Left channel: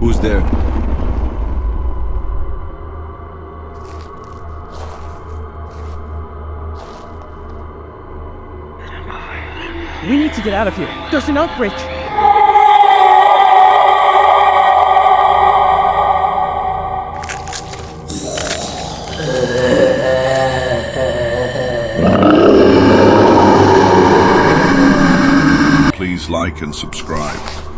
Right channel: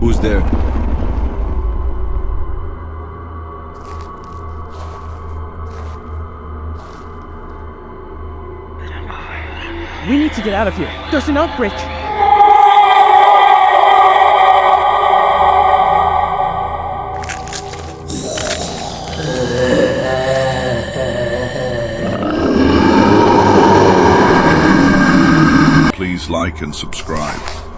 Who's there? We need to get out of here. There's an outbreak. Please like and subscribe.